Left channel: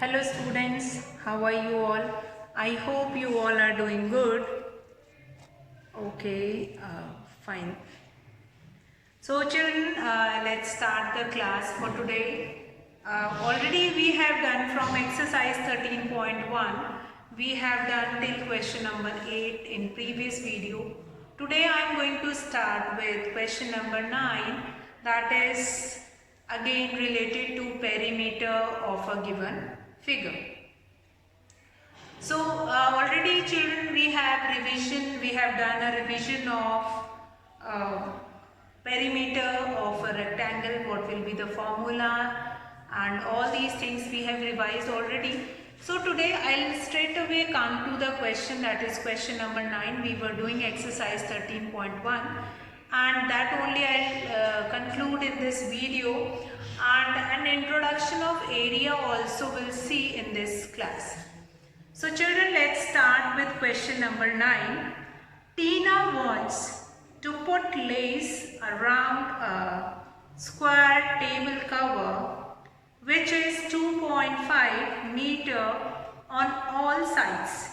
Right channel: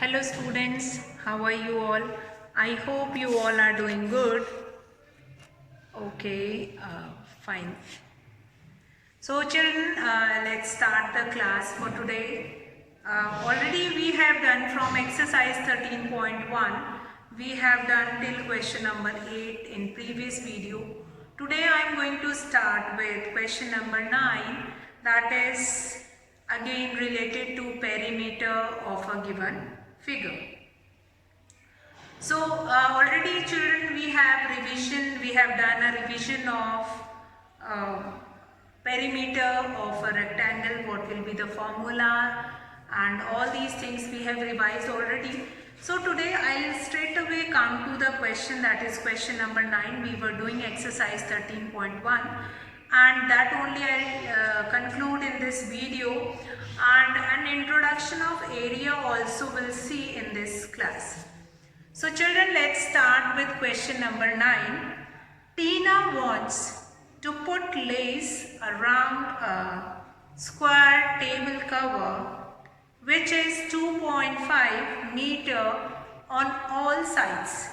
Hello students, how are you all? I hope you all are doing good. Okay, fine. So children, let's start the class for today. Already we have done from exercise 13.1. We have done till question number 8 in previous video. Today I am going to start with question number 9, that is again related to perimeter of a given figure. So already children we have done a revision of perimeter of a rectangle, what will be the formula, and all these things we have revised already. So today I'll straight away come to the question, that is question number 9. We were doing exercise 13.1 and that only I'll conclude in this video, and an introduction of area also will see in this class. So children, let's start with question number 9. Tina wants to put lace around a square table cover which is 2.5 meter on all sides.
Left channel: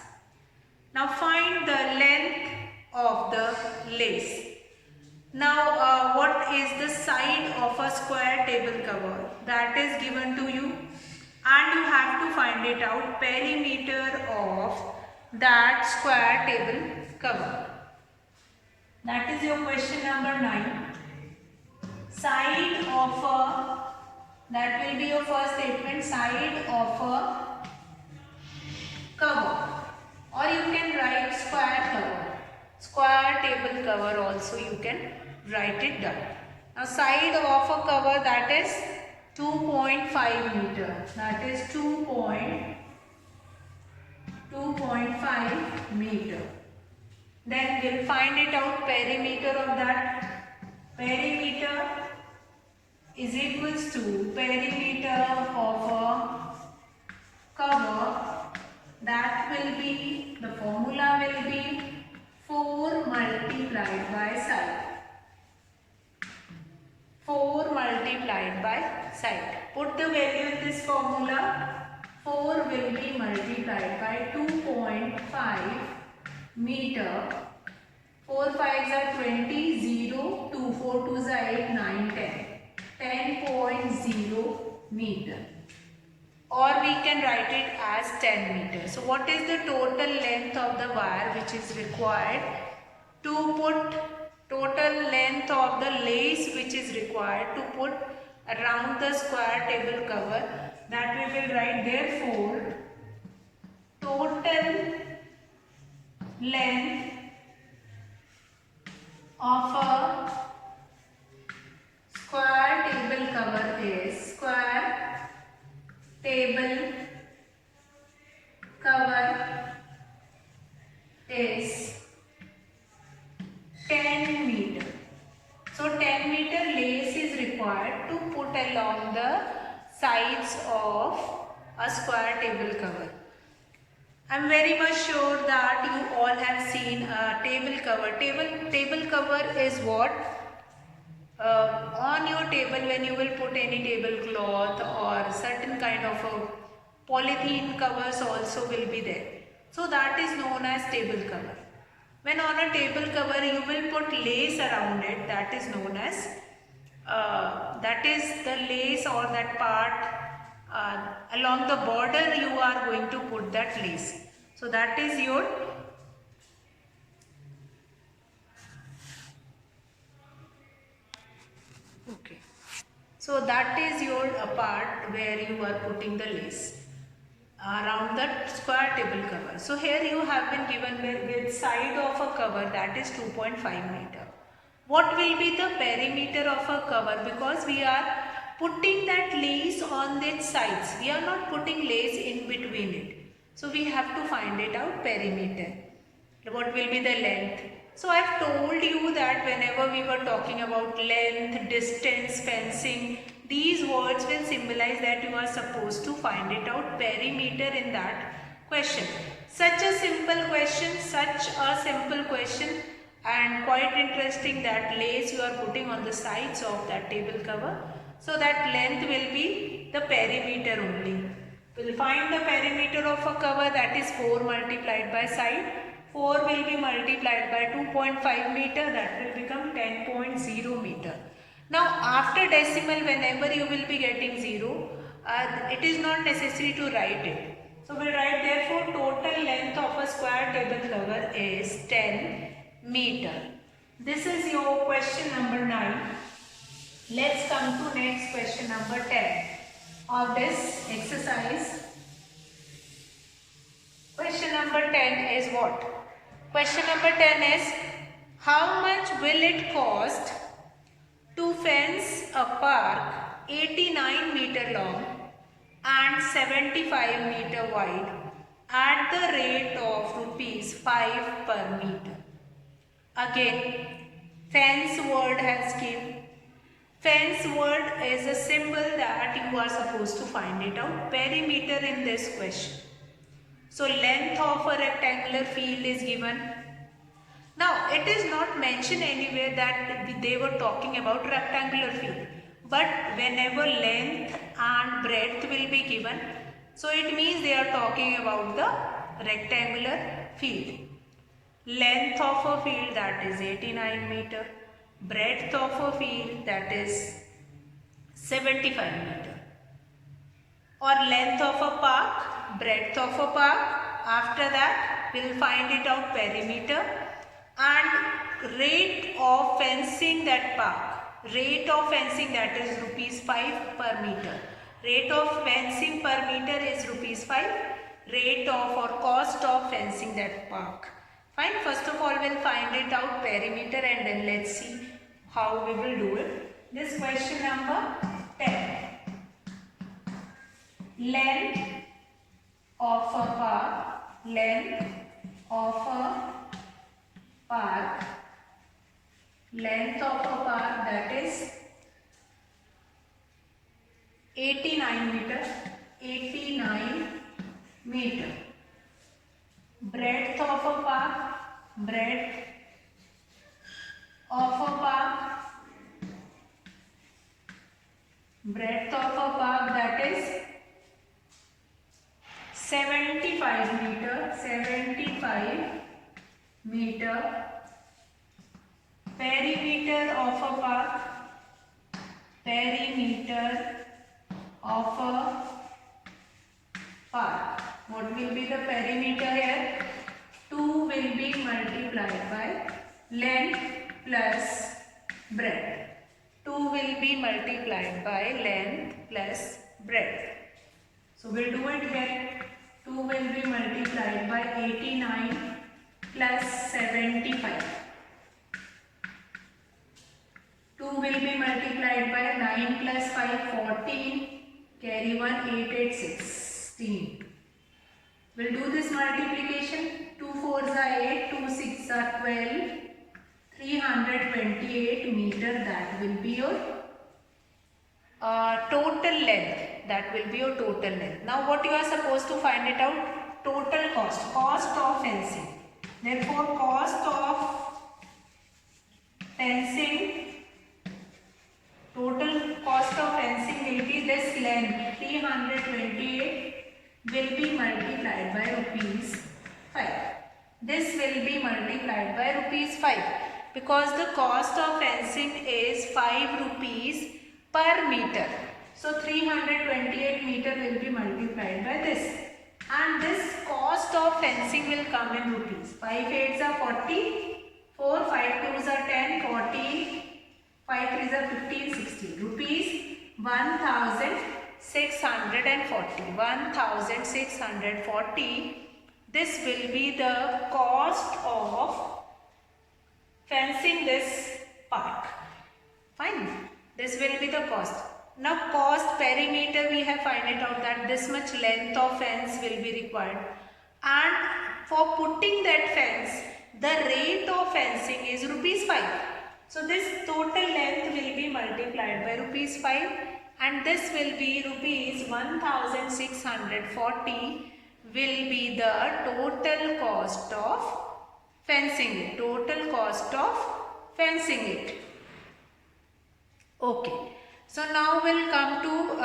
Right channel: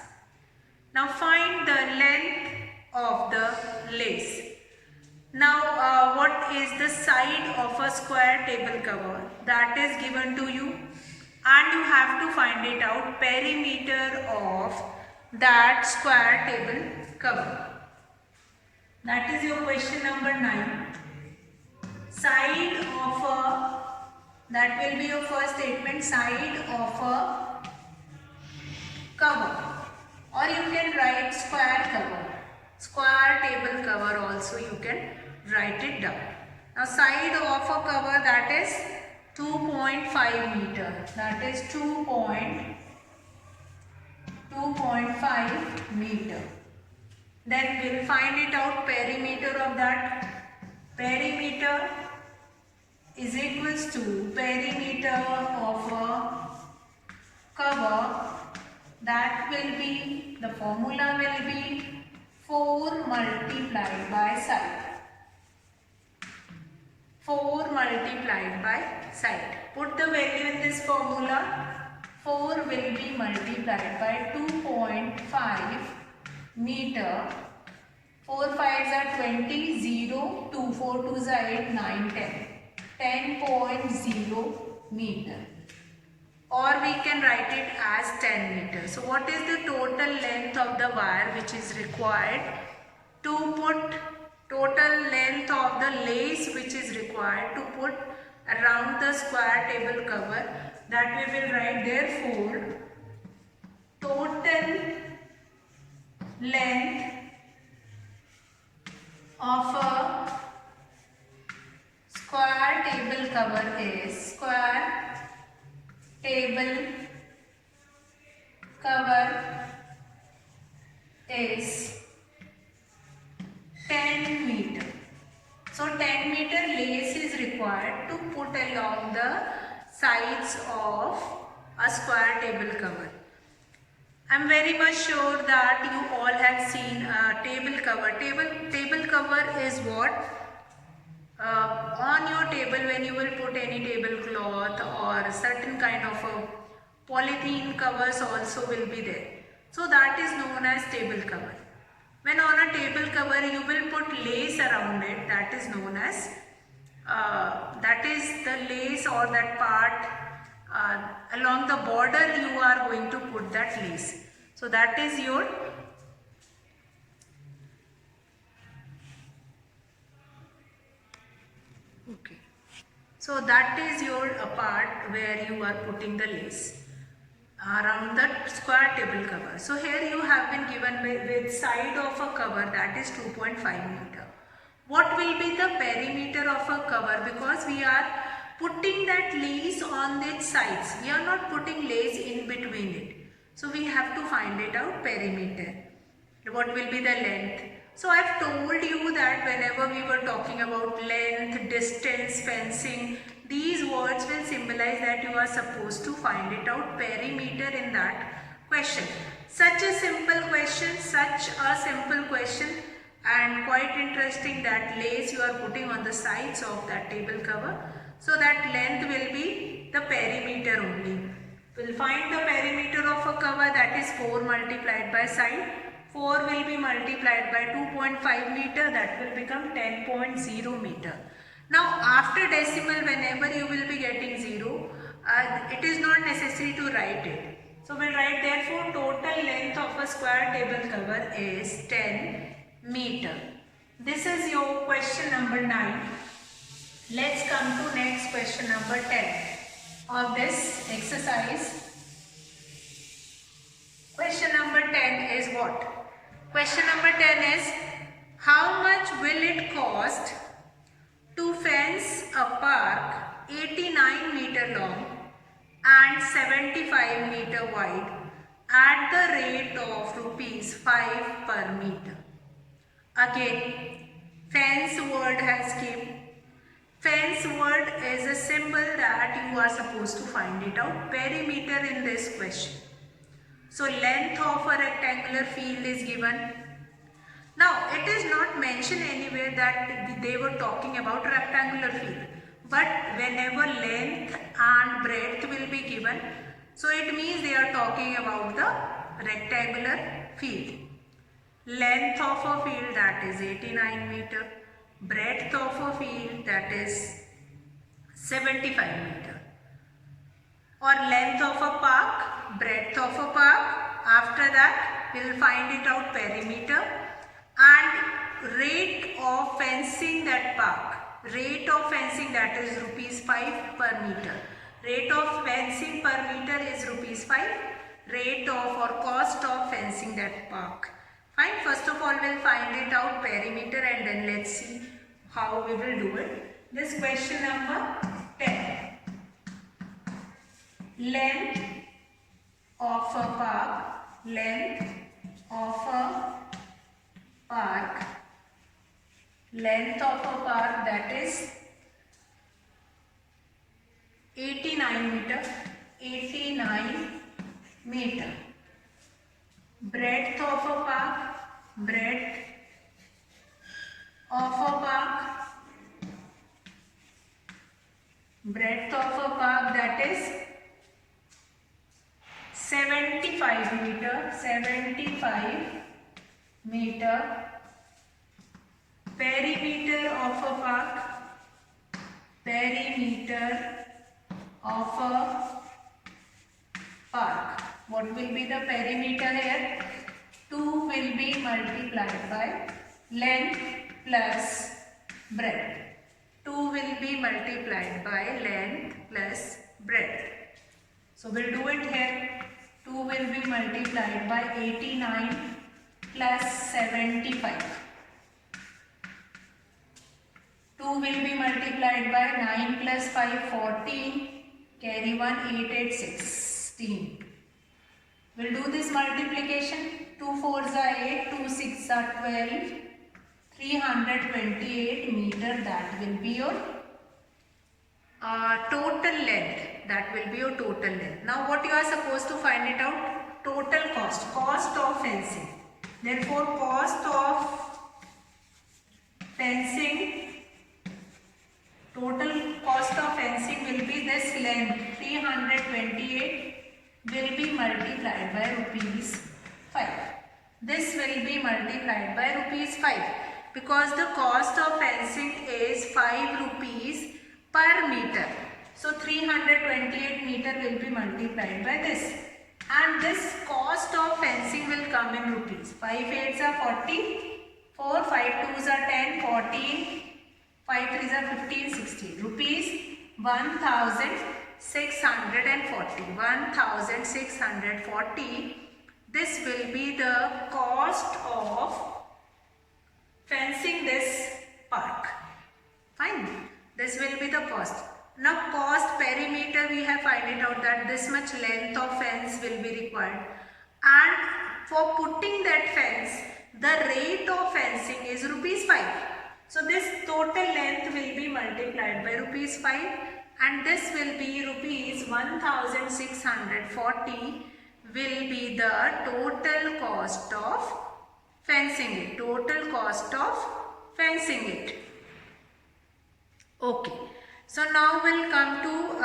Now find the length of the lace. Now what is the side of a square table cover? That is given to you, and you have to find it out, perimeter of that square table cover. That is your question number 9. Side of a, that will be your first statement, side of a cover, or you can write square cover, square table cover also you can write it down. Now side of a cover, that is 2.5 meter, that is 2.5 meter. Then we'll find it out, perimeter of that. Perimeter is equals to perimeter of a cover, that will be, the formula will be 4 multiplied by side. 4 multiplied by side. Put the value in this formula. 4 will be multiplied by 2.5 meter. 4 5s are 20, 0, 2 4 2s are 8, 9, 10. 10.0 meter. Or we can write it as 10 meters. So what is the total length of the wire which is required to put, total length of the lace which is required to put around the square table cover? That we will write, therefore total length of a square table cover is, square table cover is 10 meter. So 10 meter lace is required to put along the sides of a square table cover. I am very much sure that you all have seen a table cover. Table cover is what? On your table, when you will put any tablecloth or certain kind of a polythene covers also will be there. So that is known as table cover. When on a table cover you will put lace around it, that is known as, that is the lace or that part along the border you are going to put that lace. So that is your okay. So that is your part where you are putting the lace around the square table cover. So here you have been given with side of a cover, that is 2.5 meter. What will be the perimeter of a cover? Because we are putting that lace on its sides, we are not putting lace in between it. So we have to find it out, perimeter. What will be the length? So I have told you that whenever we were talking about length, distance, fencing, these words will symbolize that you are supposed to find it out, perimeter, in that question. Such a simple question, and quite interesting, that lace you are putting on the sides of that table cover. So that length will be the perimeter only. We'll find the perimeter of a cover, that is 4 multiplied by side. 4 will be multiplied by 2.5 meter, that will become 10.0 meter. Now after decimal, whenever you will be getting 0, it is not necessary to write it. So we'll write, therefore total length of a square table cover is 10 meter. This is your question number 9. Let's come to next question number 10 of this exercise. Question number 10 is what? Question number 10 is, how much will it cost to fence a park 89 meter long and 75 meter wide at the rate of rupees 5 per meter? Again, fence word has came. Fence word is a symbol that you are supposed to find it out. Perimeter in this question. So length of a rectangular field is given. Now it is not mentioned anywhere that they were talking about rectangular field. But whenever length and breadth will be given, so it means they are talking about the rectangular field. Length of a field, that is 89 meter. Breadth of a field, that is 75 meter. Or length of a park, breadth of a park. After that we will find it out perimeter and rate of fencing that park. Rate of fencing, that is rupees 5 per meter. Rate of fencing per meter is rupees 5. Rate of or cost of fencing that park. Fine. First of all, we'll find it out perimeter and then let's see how we will do it. This question number 10. Length of a park. Length of a park. Length of a park, that is 89 meter. 89 meter. Breadth of a park. Breadth of a park. Breadth of a park, that is 75 meter. 75 meter. Perimeter of a park. Perimeter of a park. What will be the perimeter here? 2 will be multiplied by length plus breadth. 2 will be multiplied by length plus breadth. So we'll do it here. 2 will be multiplied by 89 plus 75. 2 will be multiplied by 9 plus 5, 14. Carry 1, 8, 8, 16. We'll do this multiplication. 2 4s are 8, 2 6 are 12. 328 meter, that will be your total length. That will be your total length. Now what you are supposed to find it out? Total cost. Cost of fencing. Therefore cost of fencing. Total cost of fencing will be this length. 328 will be multiplied by rupees 5. This will be multiplied by rupees 5. Because the cost of fencing is 5 rupees per meter. So 328 meter will be multiplied by this. And this cost of fencing will come in rupees. 5 8s are 40. 4 5 2s are 10. 14. 5 3s are 15. 16. Rupees 1640. 1640. This will be the cost of fencing this park. Fine. This will be the cost. Now cost perimeter, we have find it out that this much length of fence will be required. And for putting that fence, the rate of fencing is rupees 5. So this total length will be multiplied by rupees 5 and this will be rupees 1640 will be the total cost of fencing it. Total cost of fencing it. Okay. So now we'll come to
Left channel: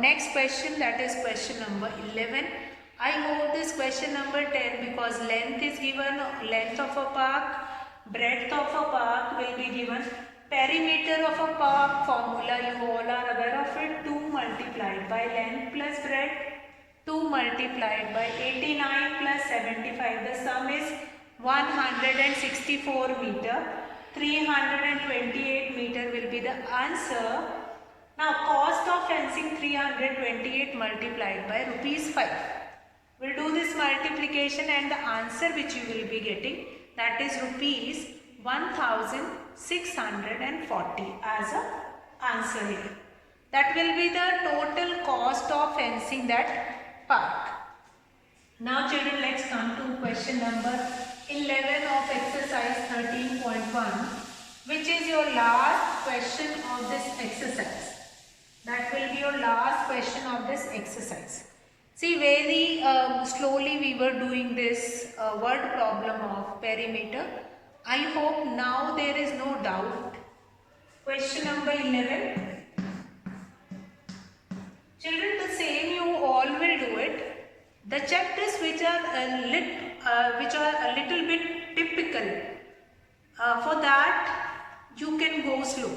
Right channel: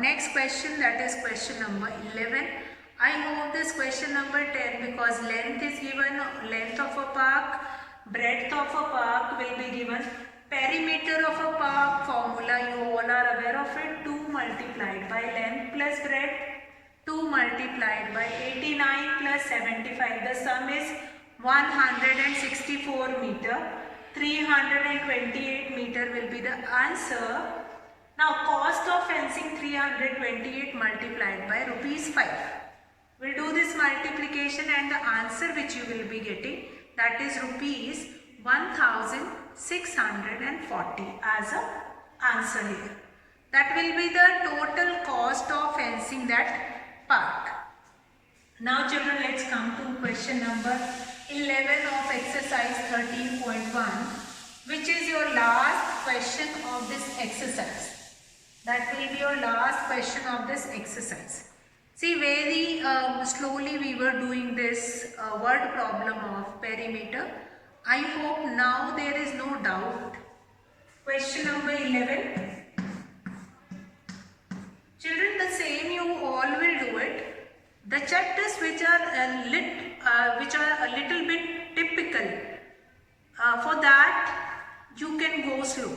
next question, that is question number 11. I hope this question number 10, because length is given, length of a park, breadth of a park will be given. Perimeter of a park formula, you all are aware of it, 2 multiplied by length plus breadth, 2 multiplied by 89 plus 75. The sum is 164 meter. 328 meter will be the answer. Now cost of fencing 328 multiplied by rupees 5. We'll do this multiplication and the answer which you will be getting, that is rupees 1640 as a answer here. That will be the total cost of fencing that park. Now children, let's come to question number 11 of exercise 13.1, which is your last question of this exercise. That will be your last question of this exercise. See, very slowly we were doing this word problem of perimeter. I hope now there is no doubt. Question number 11. Children, the same you all will do it. The chapters which are a little bit typical, for that you can go slow,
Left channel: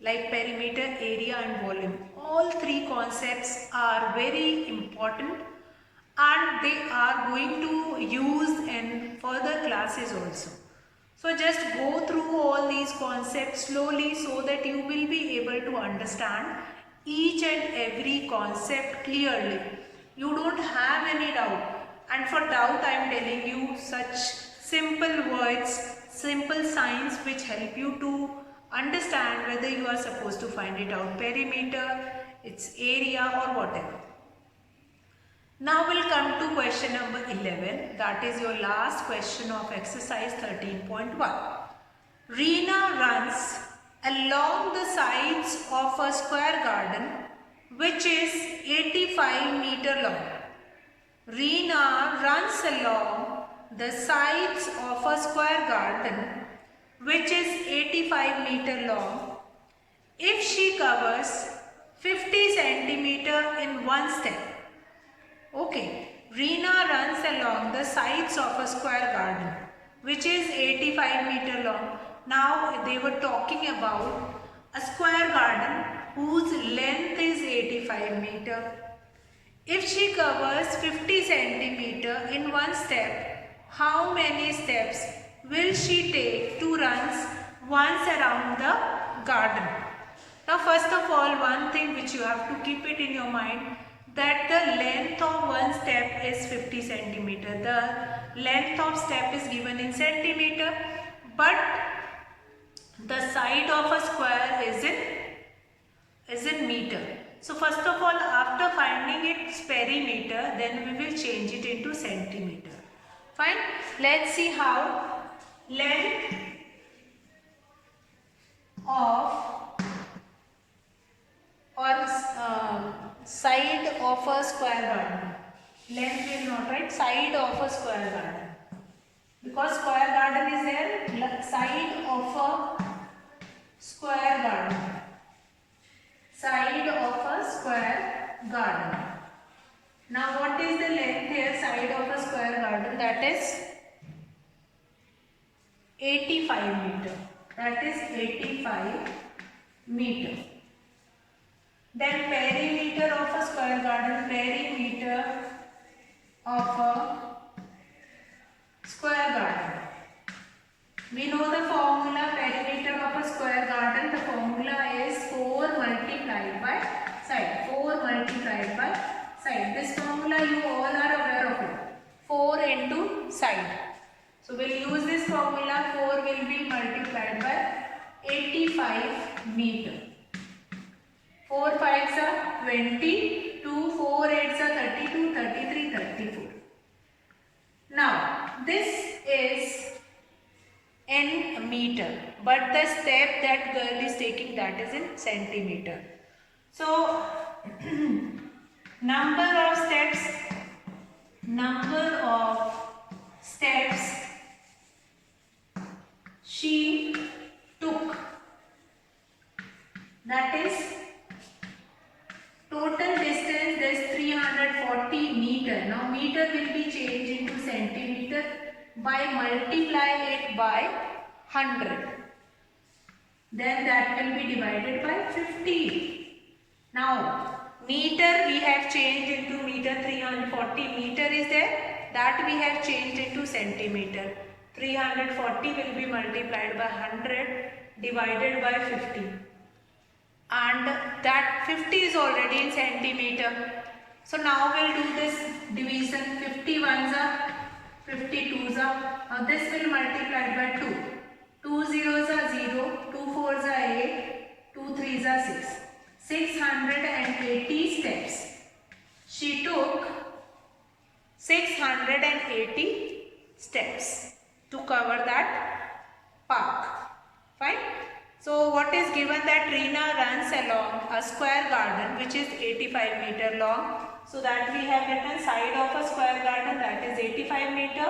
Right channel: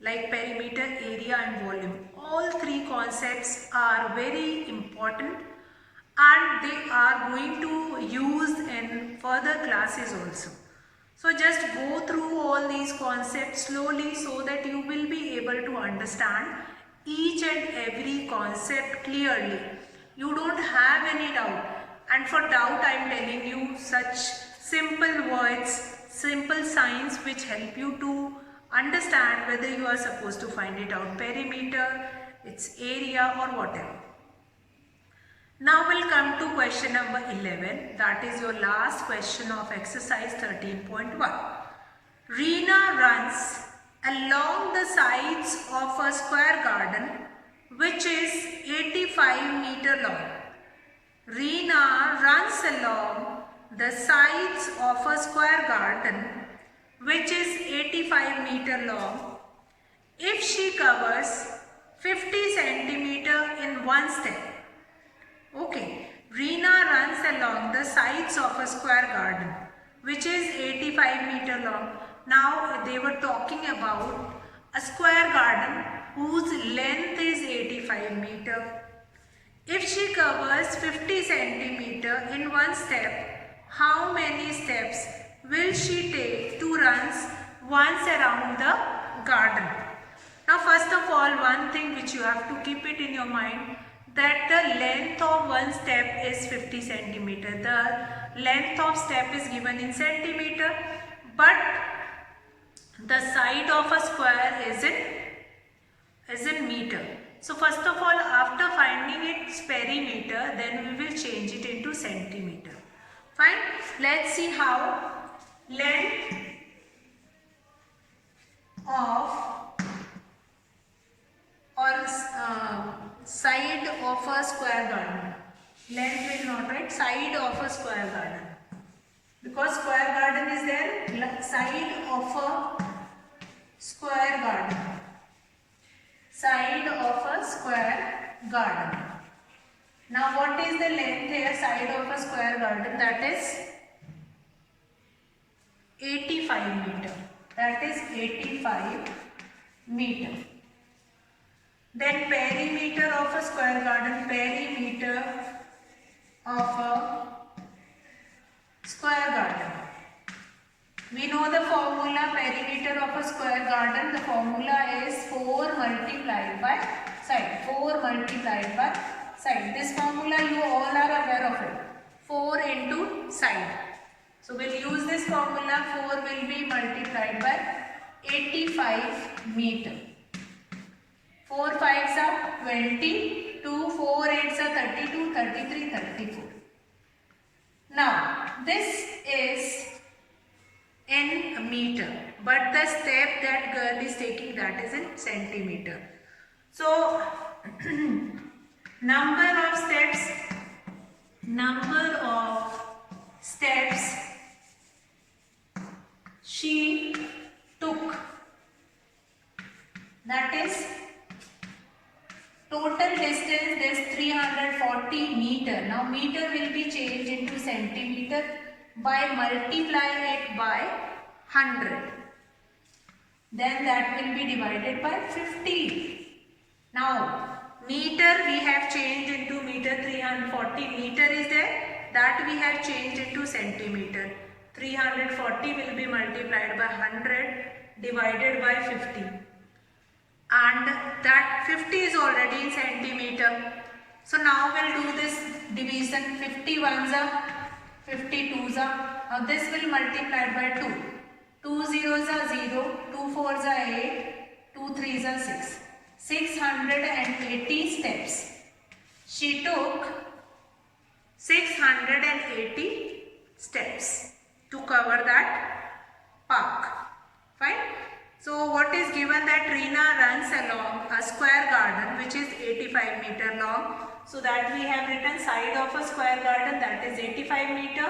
like perimeter, area and volume. All three concepts are very important and they are going to use in further classes also. So just go through all these concepts slowly so that you will be able to understand each and every concept clearly. You don't have any doubt, and for doubt I am telling you such simple words, simple signs which help you to understand whether you are supposed to find it out, perimeter, its area or whatever. Now we'll come to question number 11, that is your last question of exercise 13.1. Reena runs along the sides of a square garden which is 85 meter long. Reena runs along the sides of a square garden which is 85 meter long. If she covers 50 centimeter in one step. Okay, Reena runs along the sides of a square garden which is 85 meter long. Now they were talking about a square garden whose length is 85 meter. If she covers 50 centimeter in one step, how many steps will she take to run once around the garden? Now first of all, one thing which you have to keep it in your mind, that the length of one step is 50 centimeter. The length of step is given in centimeter, but the side of a square is in meter. So first of all, after finding its perimeter, then we will change it into centimeter. Fine. Let's see how. Length of or side of a square garden. Length will not write, side of a square garden, because square garden is there. Side of a square garden. Side of a square garden. Now what is the length here? Side of a square garden, that is 85 meter. That is 85 meter. Then perimeter of a square garden. Perimeter of a square garden. We know the formula, perimeter of a square garden. The formula is 4 multiplied by side. 4 multiplied by side. This formula you all are aware of it. 4 into side. So we'll use this formula. 4 will be multiplied by 85 meter. 4 5s are 20, 2 4 8s are 32, 33, 34. Now this is in meter, but the step that girl is taking, that is in centimeter. So number of steps she took, that is Total distance is 340 meter. Now meter will be changed into centimeter by multiply it by 100. Then that will be divided by 50. Now meter we have changed into meter, 340 meter is there, that we have changed into centimeter. 340 will be multiplied by 100 divided by 50. And that 50 is already in centimeter. So now we'll do this division. 50 ones are 50 twos are. Now this will multiply by 2. 2 zeros are 0, 2 fours are 8, 2 threes are 6. 680 steps. She took 680 steps to cover that park. Fine. So what is given that Reena runs along a square garden which is 85 meter long. So that we have written side of a square garden, that is 85 meter.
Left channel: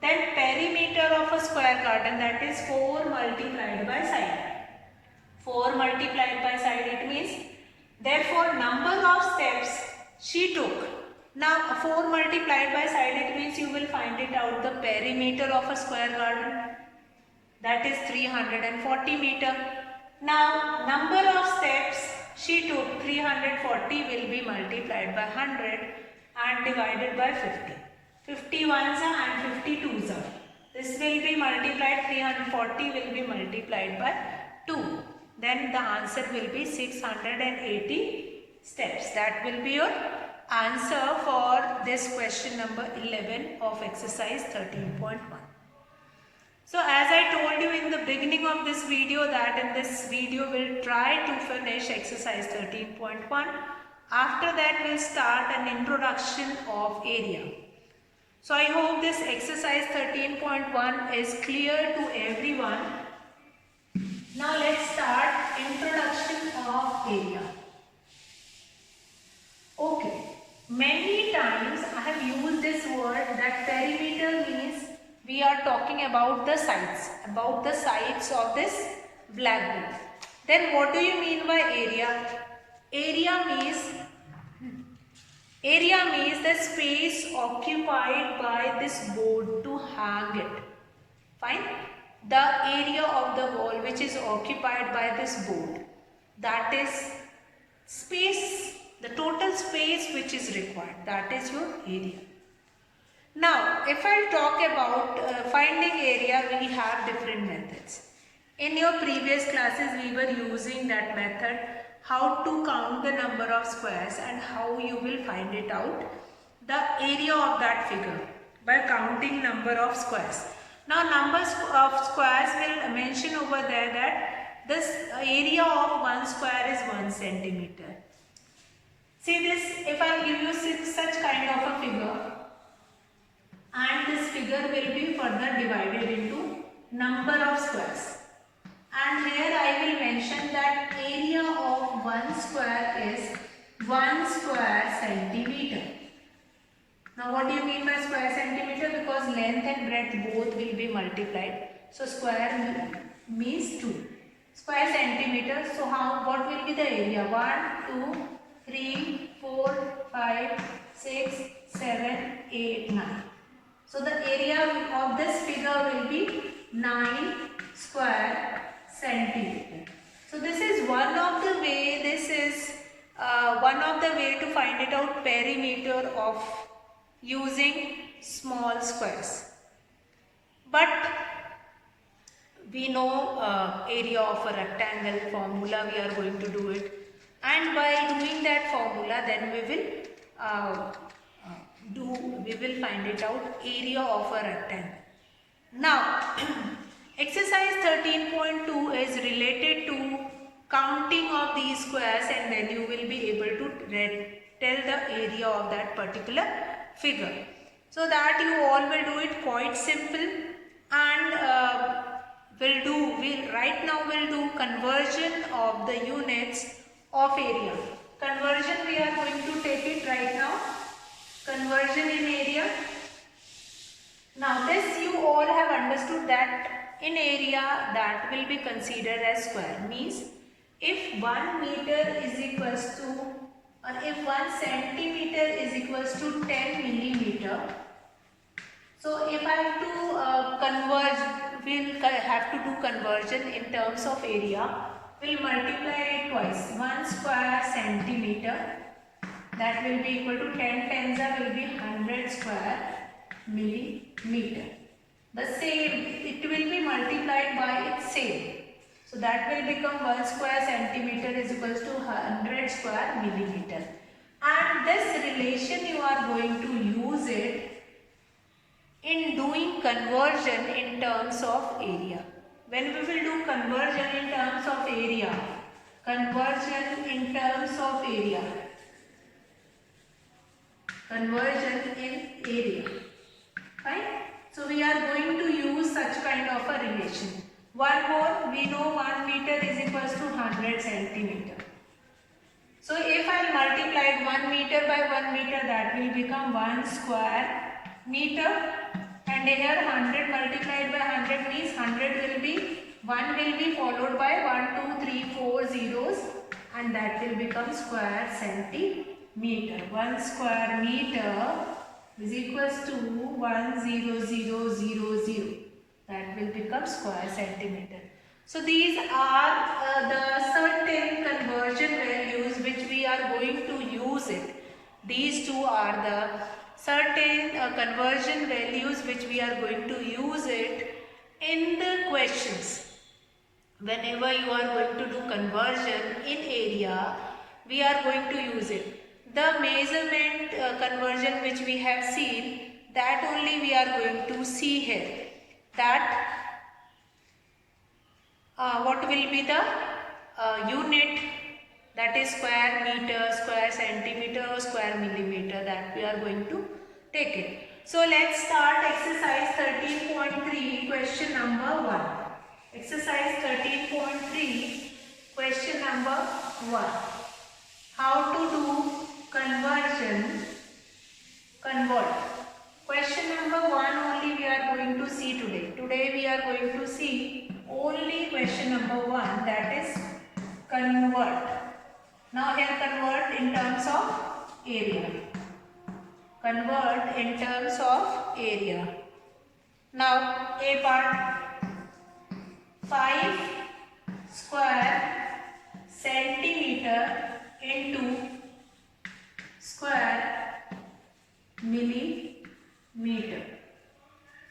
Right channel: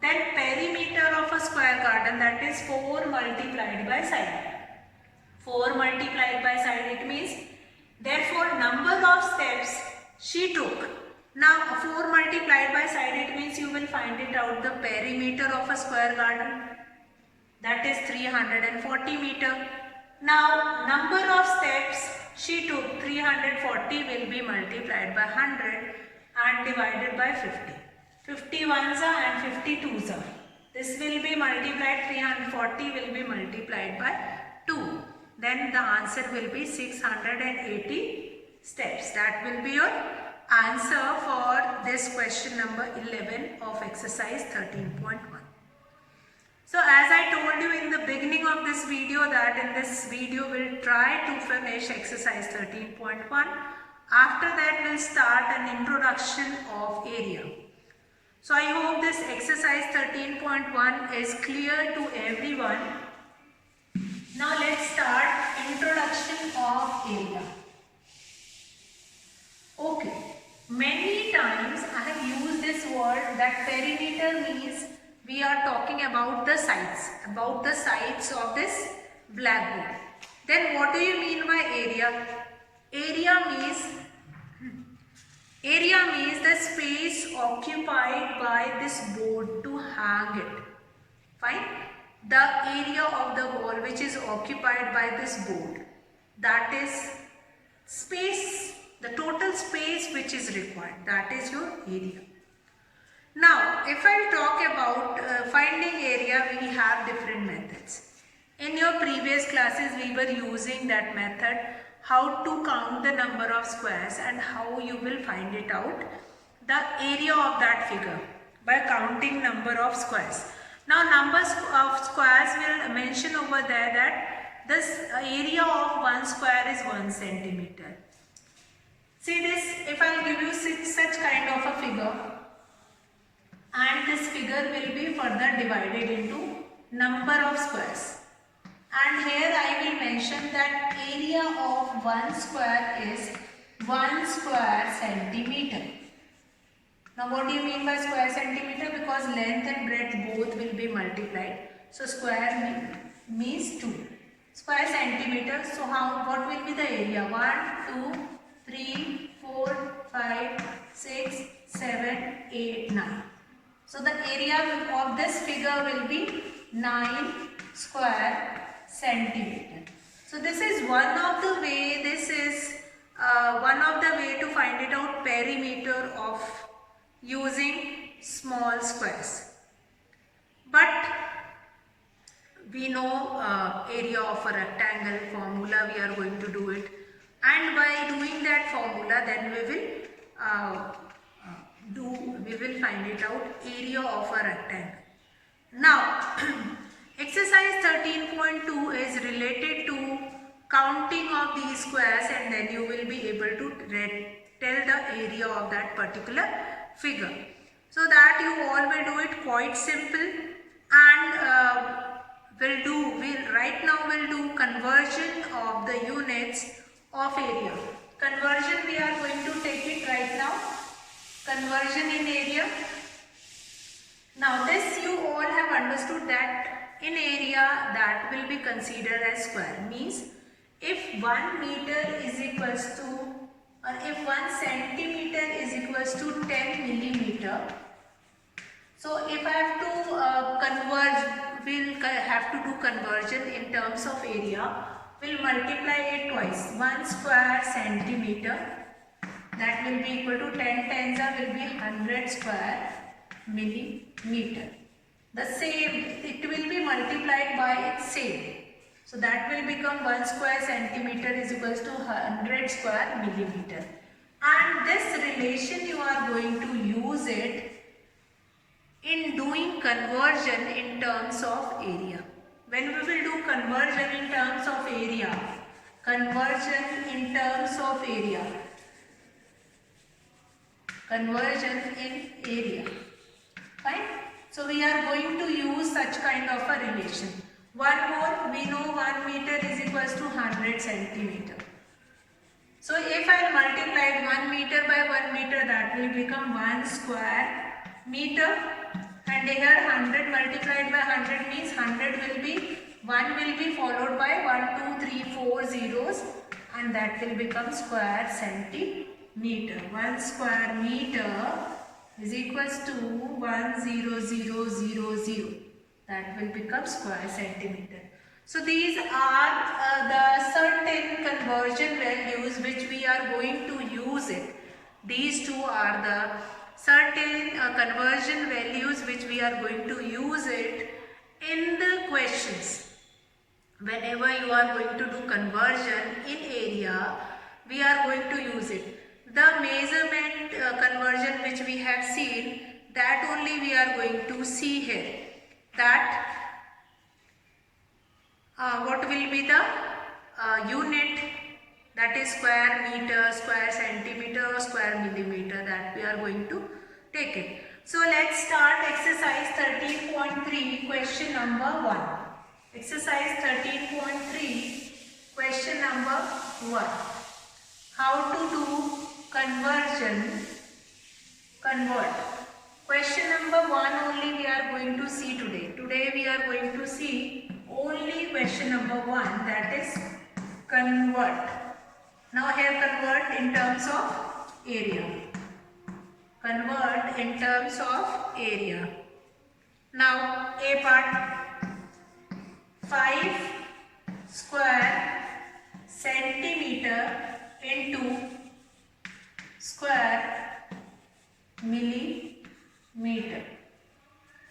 Then perimeter of a square garden, that is 4 multiplied by side. 4 multiplied by side, it means therefore number of steps she took. Now 4 multiplied by side, it means you will find it out the perimeter of a square garden, that is 340 meter. Now number of steps she took, 340 will be multiplied by 100 and divided by 50. 50 ones are and 50 twos are. This will be multiplied, 340 will be multiplied by 2. Then the answer will be 680 steps. That will be your answer for this question number 11 of exercise 13.1. So as I told you in the beginning of this video that in this video we'll try to finish exercise 13.1. After that we'll start an introduction of area. So I hope this exercise 13.1 is clear to everyone. Now let's start introduction of area. Okay, many times I have used this word that perimeter means we are talking about the sides of this blackboard. Then what do you mean by area? Area means the space occupied by this board to hang it. Fine? The area of the wall which is occupied by this board, that is space, the total space which is required, that is your area. Now if I talk about finding area, we have different methods. In your previous classes we were using that method, how to count the number of squares and how you will find it out, the area of that figure by counting number of squares. Now numbers of squares will mention over there that this area of one square is 1 centimeter. See this, if I give you such kind of a figure and this figure will be further divided into number of squares. And here I will mention that area of one square is 1 square centimeter. Now what do you mean by square centimeter? Because length and breadth both will be multiplied. So square means 2. Square centimeter. So what will be the area? 1, 2, 3, 4, 5, 6, 7, 8, 9. So the area of this figure will be 9 square centimeter. So this is one of the way, to find it out, perimeter of using small squares. But we know area of a rectangle formula, we are going to do it, and by doing that formula then we will find it out, area of a rectangle. Now exercise 13.2 is related to counting of these squares, and then you will be able to tell the area of that particular figure. So that you all will do it quite simple, and right now we'll do conversion of the units of area. Conversion, we are going to take it right now. Conversion in area. Now this you all have understood that in area that will be considered as square. Means if 1 meter is equals to or if 1 centimeter is equals to 10 millimeter, so if I have to converge, we'll have to do conversion in terms of area. We'll multiply it twice. 1 square centimeter, that will be equal to 10 tens will be 100 square millimeter. The same, it will be multiplied by its same. So that will become 1 square centimeter is equals to 100 square millimeter. And this relation you are going to use it in doing conversion in terms of area. When we will do conversion in terms of area, conversion in terms of area, conversion in area, fine. So we are going to use such kind of a relation. One more, we know 1 meter is equals to 100 centimeter. So if I multiply 1 meter by 1 meter, that will become 1 square meter, and here 100 multiplied by 100 means 100 will be, 1 will be followed by 1, 2, 3, 4 zeros, and that will become square centimeter. 1 square meter is equals to 10000. That will become square centimeter. So these are the certain conversion values which we are going to use it. These two are the certain conversion values which we are going to use it in the questions. Whenever you are going to do conversion in area, we are going to use it. The measurement conversion which we have seen, that only we are going to see here. That what will be the unit, that is square meter, square centimeter, square millimeter, that we are going to take it. So let's start exercise 13.3, question number 1. Exercise 13.3, question number 1. How to do conversion, convert. Question number 1 only we are going to see today. Today we are going to see only question number 1, that is convert. Now here convert in terms of area. Convert in terms of area. Now A part, 5 square centimeter into square millimeter.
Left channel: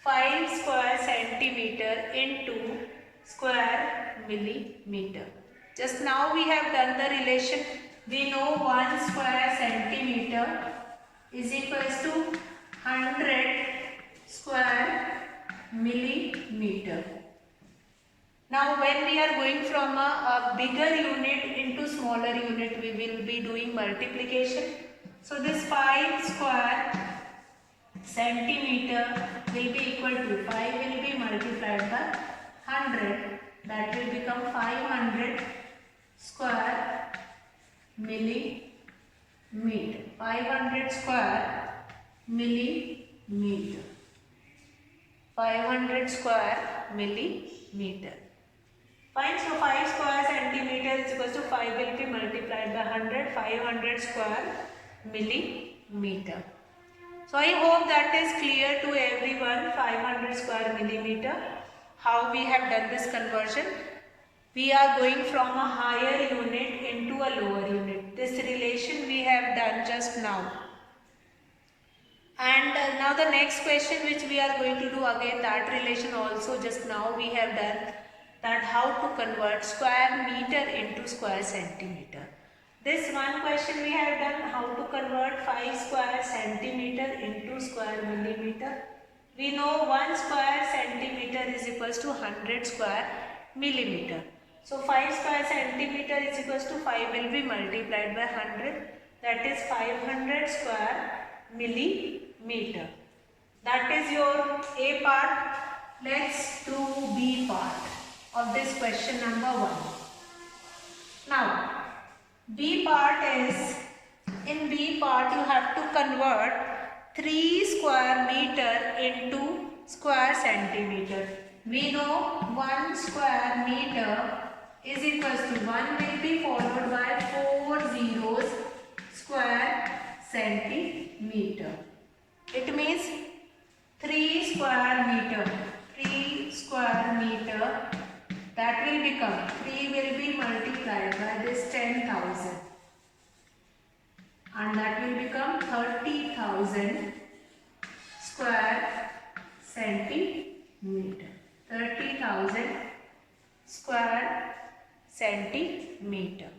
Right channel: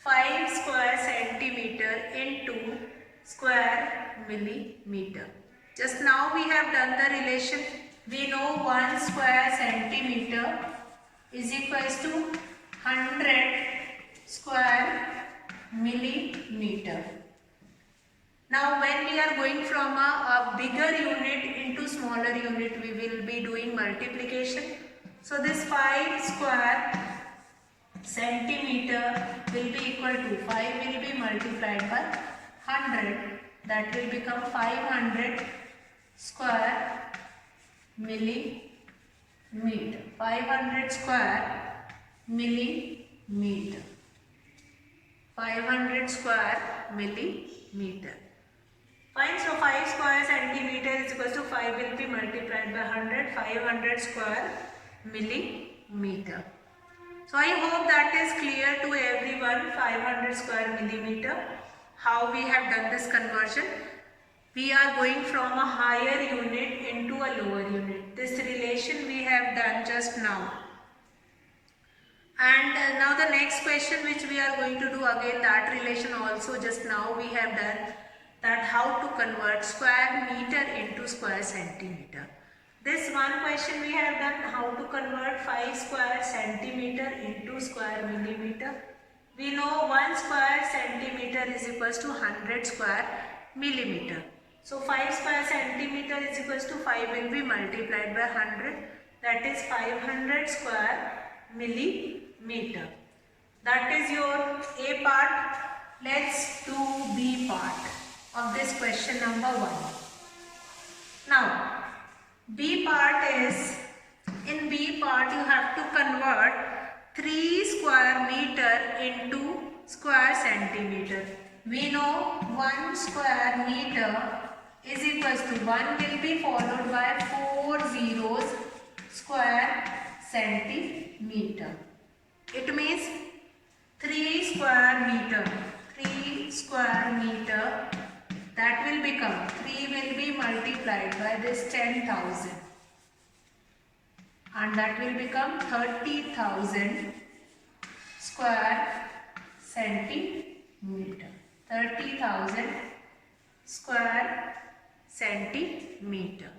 5 square centimeter into square millimeter. Just now we have done the relation. We know 1 square centimeter is equals to 100 square millimeter. Now when we are going from a bigger unit into smaller unit, we will be doing multiplication. So this 5 square centimeter will be equal to 5 will be multiplied by 100, that will become 500 square millimeter. 500 square millimeter. 500 square millimeter. Fine, so 5 square centimeter is equal to 5 will be multiplied by 100, 500 square millimeter. So I hope that is clear to everyone, 500 square millimeter, how we have done this conversion. We are going from a higher unit into a lower unit. This relation we have done just now. And now the next question which we are going to do again, that relation also just now we have done, that how to convert square meter into square centimeter. This one question we have done, how to convert 5 square centimeter into square millimeter. We know 1 square centimeter is equals to 100 square millimeter. So 5 square centimeter is equals to 5 will be multiplied by 100, that is 500 square millimeter. That is your A part. Let's do B part of this question number 1. Now B part is, in B part you have to convert 3 square meter into square centimeter. We know 1 square meter is equals to 1 will be followed by 4 zeros. square centimeter. It means 3 square meter. 3 square meter, that will become, 3 will be multiplied by this 10,000 and that will become 30,000 square centimeter. 30,000 square centimeter.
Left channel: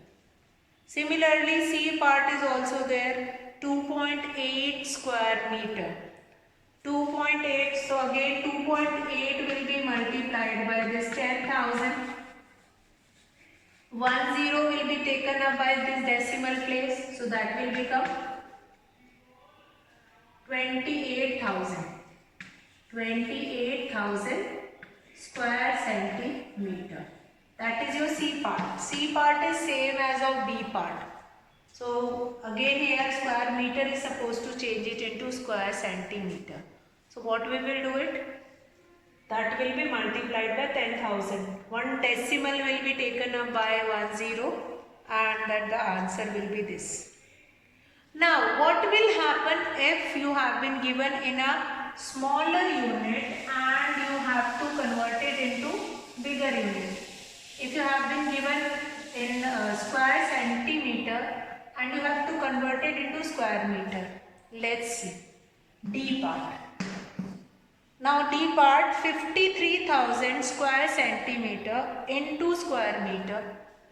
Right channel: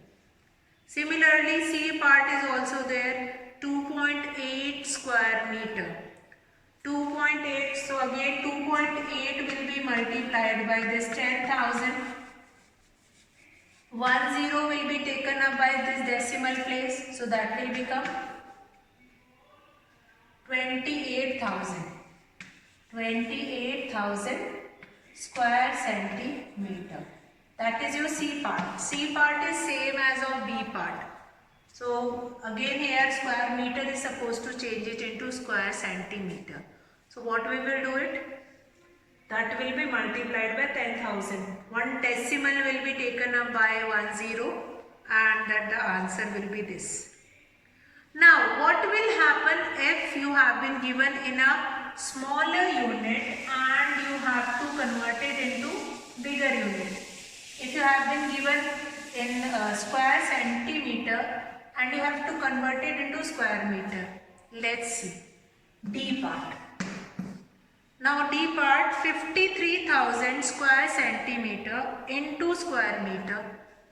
Similarly, C part is also there, 2.8 square meter. 2.8, so again 2.8 will be multiplied by this 10,000. 1 0 will be taken up by this decimal place, so that will become 28,000. 28,000 square centimeter. That is your C part. C part is same as of B part. So again here square meter is supposed to change it into square centimeter. So what we will do it? That will be multiplied by 10,000. One decimal will be taken up by 10 and that the answer will be this. Now what will happen if you have been given in a smaller unit and you have to convert it into bigger unit? If you have been given in square centimeter and you have to convert it into square meter. Let's see. D part. Now D part, 53,000 square centimeter into square meter.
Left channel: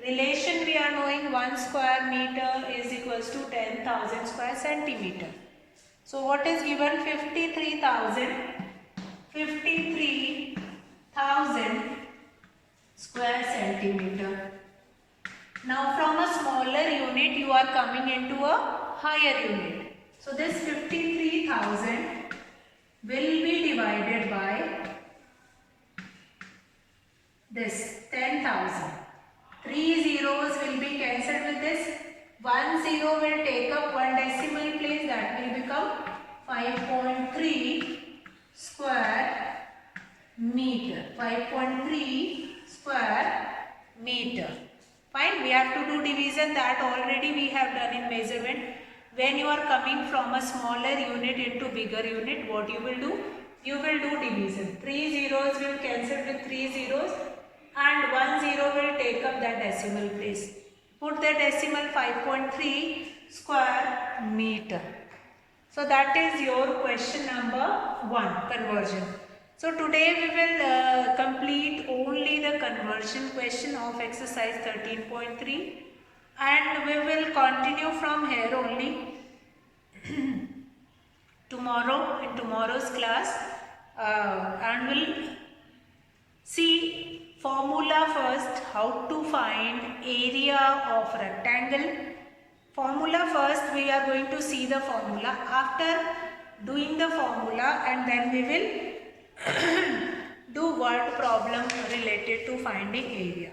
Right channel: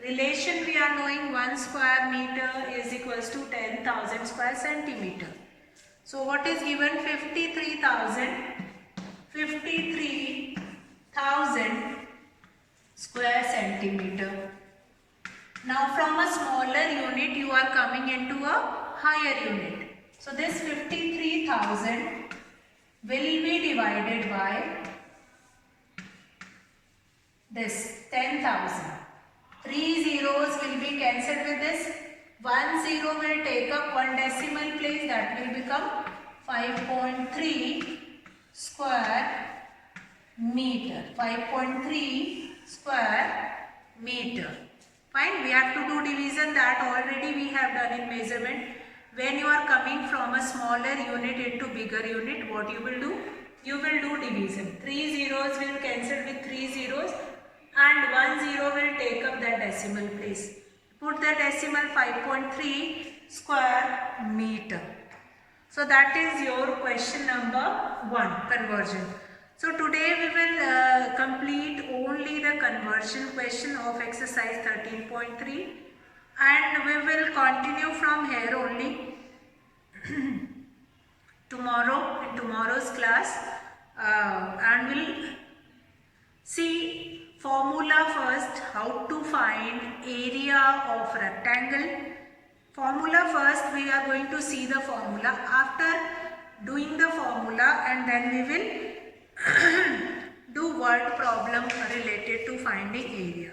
Relation we are knowing, 1 square meter is equals to 10,000 square centimeter. So what is given? 53,000 square centimeter. Now from a smaller unit you are coming into a higher unit. So this 53,000 will be divided by this 10,000. 3 zeros will be cancelled with this. 1 0 will take up one decimal place, that will become 5.3 square meter. 5.3 square meter. Fine, we have to do division, that already we have done in measurement. When you are coming from a smaller unit into bigger unit, what you will do? You will do division. 3 zeros will cancel with 3 zeros and 1 0 will take up that decimal place. Put the decimal 5.3 square meter. So that is your question number 1, conversion. So today we will complete only the conversion question of exercise 13.3 and we will continue from here only tomorrow in tomorrow's class and we'll see formula first, how to find area of rectangle. Formula first, we are going to see the formula. After doing the formula and then we will do word problem related to finding area.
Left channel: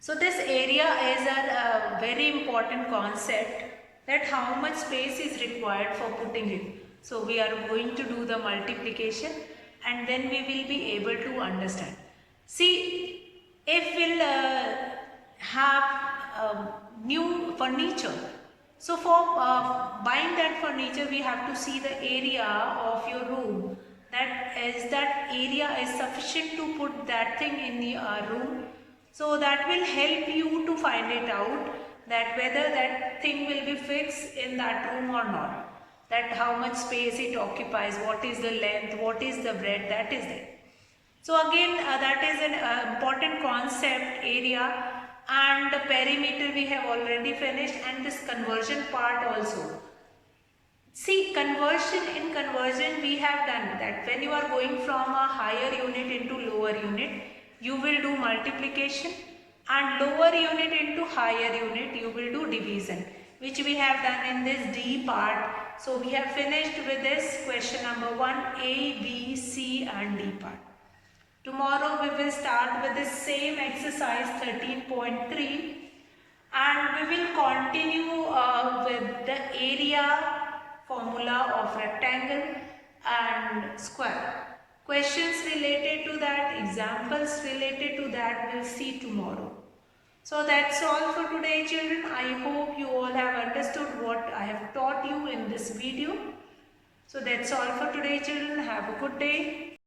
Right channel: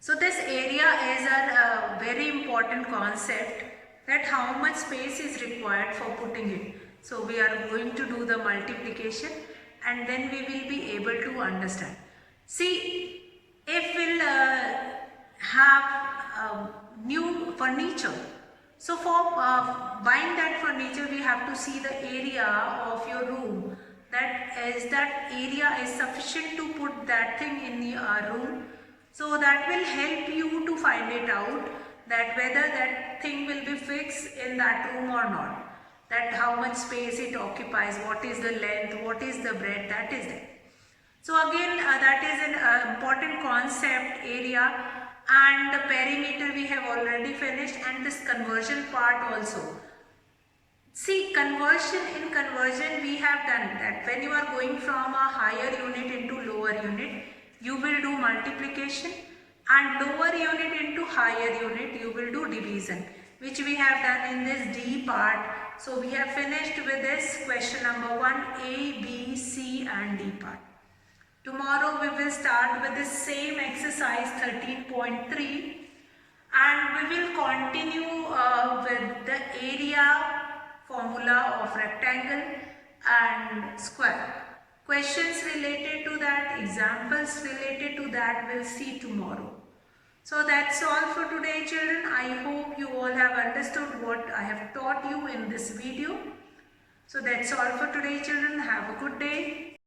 So this area is a very important concept, that how much space is required for putting it. So we are going to do the multiplication and then we will be able to understand. See, if we'll have new furniture, so for buying that furniture we have to see the area of your room, that area is sufficient to put that thing in the room. So that will help you to find it out, that whether that thing will be fixed in that room or not, that how much space it occupies, what is the length, what is the breadth, that is there. So again that is an important concept, area, and the perimeter we have already finished, and this conversion part also. See, in conversion we have done that when you are going from a higher unit into lower unit, you will do multiplication, and lower unit into higher unit you will do division, which we have done in this D part. So we have finished with this question number 1, A, B, C and D part. Tomorrow we will start with the same exercise 13.3 and we will continue with the area formula of rectangle and square. Questions related to that, examples related to that we'll see tomorrow. So that's all for today, children. I hope you all have understood what I have taught you in this video. So that's all for today, children. Have a good day.